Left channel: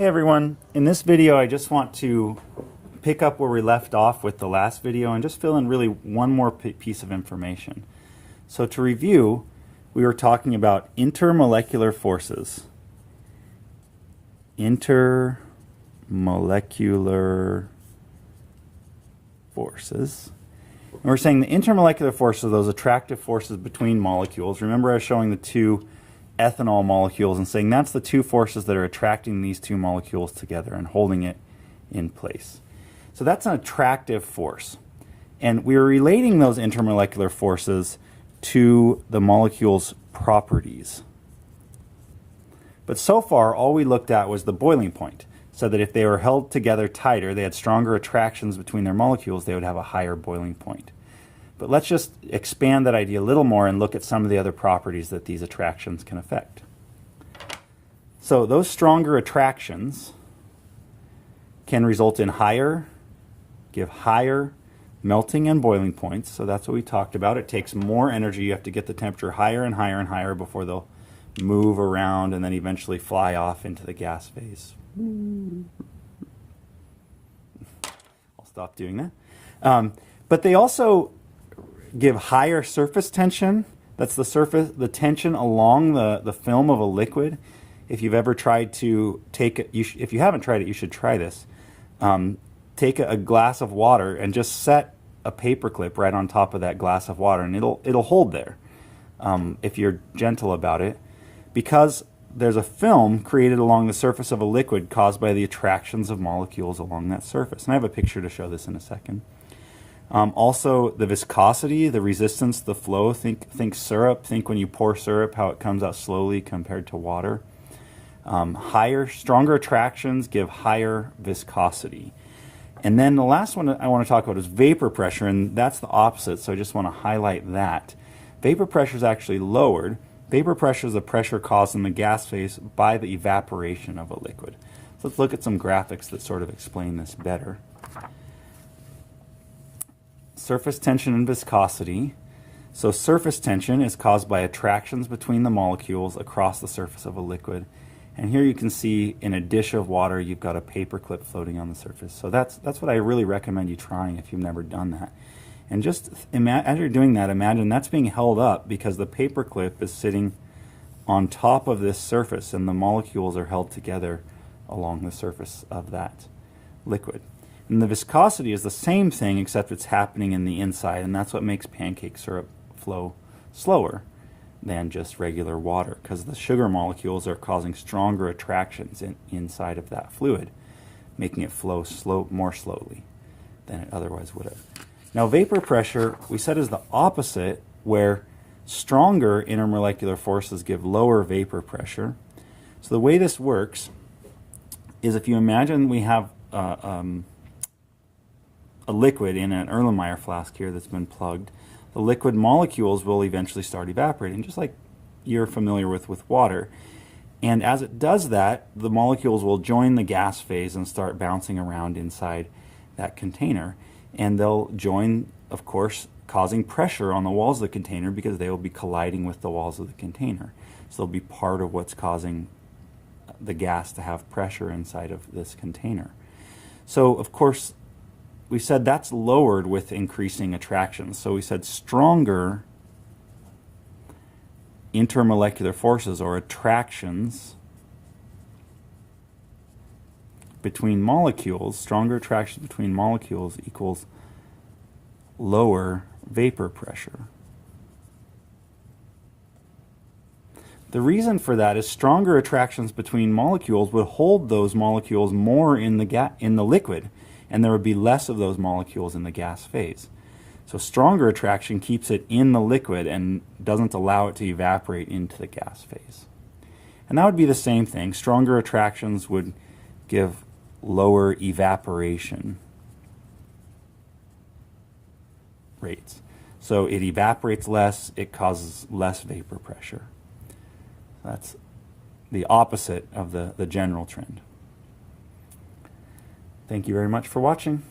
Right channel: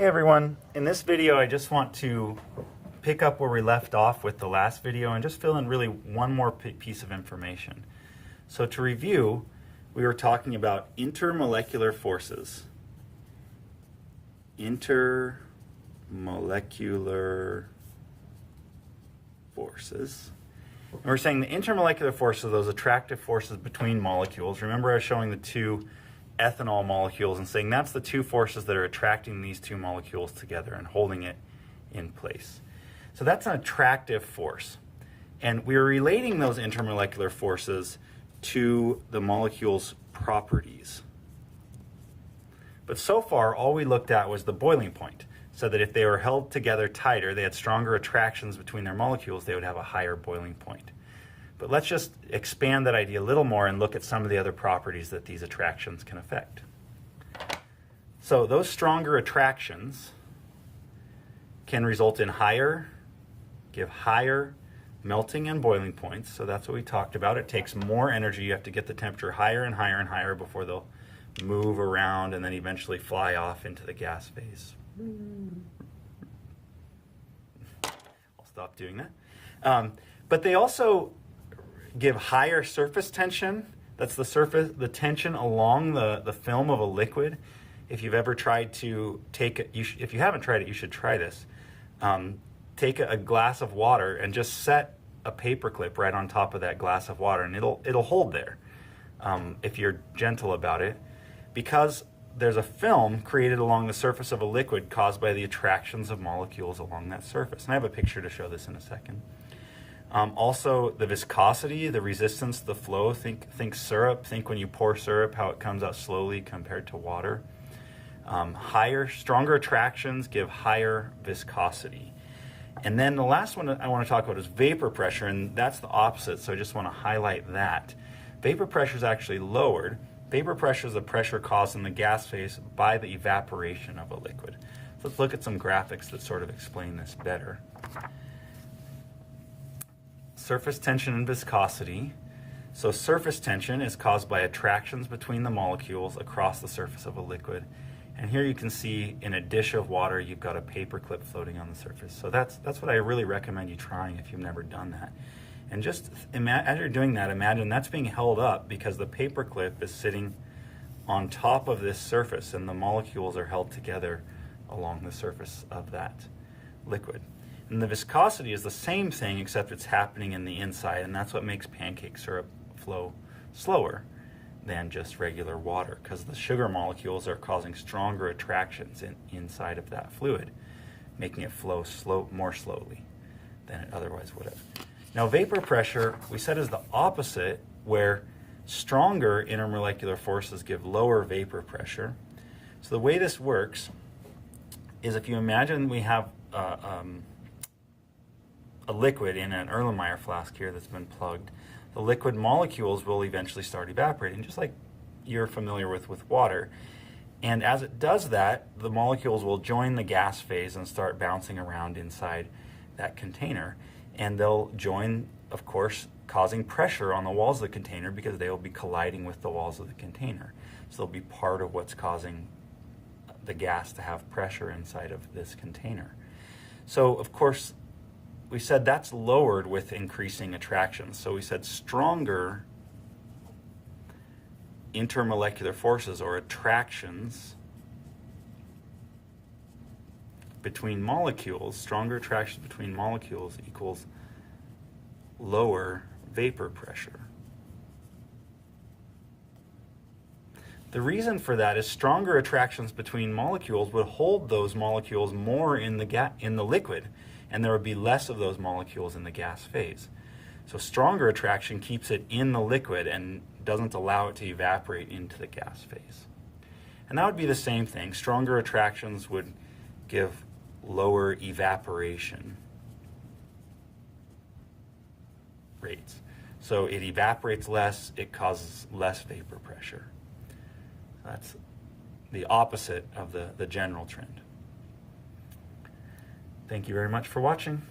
Hey everyone, in this video I just want to pick up where we left off with the last video and just fill in really one more piece of information. So to review, we were talking about intermolecular forces. Intermolecular forces. And we're saying the intermolecular forces are those attractive forces between molecules. Remember I was showing the two ethanol molecules and saying that's the two forces that are attracting these two molecules together and holding it in place. So that's an attractive force. And we're relating those intermolecular forces to the molecule's properties. But so far, all we looked at was the boiling point. So that if they were held together tighter, they had stronger attractions between their molecules, they would have a higher boiling point. But let's just expand that idea a little more and look at some of the other properties that these attractions can affect. So those stronger attractions can result in give higher melting and boiling points. So that's what we talked about. It takes more energy. You have to get the temperature higher and higher and higher before they'll move around and then eventually fly off into the gas phase. I'll stop doing that. But they also give higher surface tension. That's the tension along the film of a liquid. If you've ever tried to if you haven't tried it, you should try this. Take a glass of water and just set a paper clip right on top of that glass of water, and it'll hold there if you're gentle about it, because there's a film created along the surface of a liquid caused by the attractions of molecules along that surface. And I have a picture to show this in a second. Also, the viscosity, the resistance, the flow. Think syrup. Think when you pour syrup, how it comes out slowly compared to water. Stronger attractions give higher viscosity. And then the last one I want to talk about is vapor pressure, and that's the opposite, so I just want to highlight that. Vapor pressure is actually lowered. Vapor pressure is the pressure caused in the gas phase by the evaporation of a liquid. So let's look at some graphics that sort of explain this better. Surface tension and viscosity. So surface tension is caused by attractions between the molecules across the surface of a liquid. And here you can see in a dish of water, you've got a paper clip floating on the surface. So that's what I really recommend you trying if you've never done that. And just as you're doing that, imagine that's being held up because the paper clip is sitting on top of this surface and the molecules are held together along the surface of that liquid. And the viscosity is the same thing, except it's happening in the inside, and that's what makes pancake syrup flow slower than just regular water, because the sugar molecules are causing stronger attractions inside of that fluid, making it flow more slowly than it otherwise would have. Now, vapor pressure, we said, is the opposite, where stronger intermolecular forces give lower vapor pressure. So the way this works is if you imagine we have a liquid in an Erlenmeyer flask here that's been plugged, the liquid molecules will eventually start evaporating, just like you're familiar with water. And as it does that, the molecules will join the gas phase and start bouncing around inside that container. And they'll join, of course, causing pressure on the walls of the container because they will be colliding with the walls of the container. So they'll be part of what's causing the gas to have pressure inside of this container. So, of course, we said that's lowered with increasing attractions. So we said stronger intermolecular forces or attractions between molecules, stronger attractions between molecules equals lower vapor pressure. The reason for that is stronger attractions between molecules would hold those molecules more in the liquid, and there would be less of those molecules in the gas phase. So stronger attraction keeps it in the liquid and doesn't allow it to evaporate into the gas phase. And that would be the same thing. Stronger attractions would give lower evaporation rates. So it evaporates less, it causes less vapor pressure. That's the opposite of the general trend. Thank you very much for watching.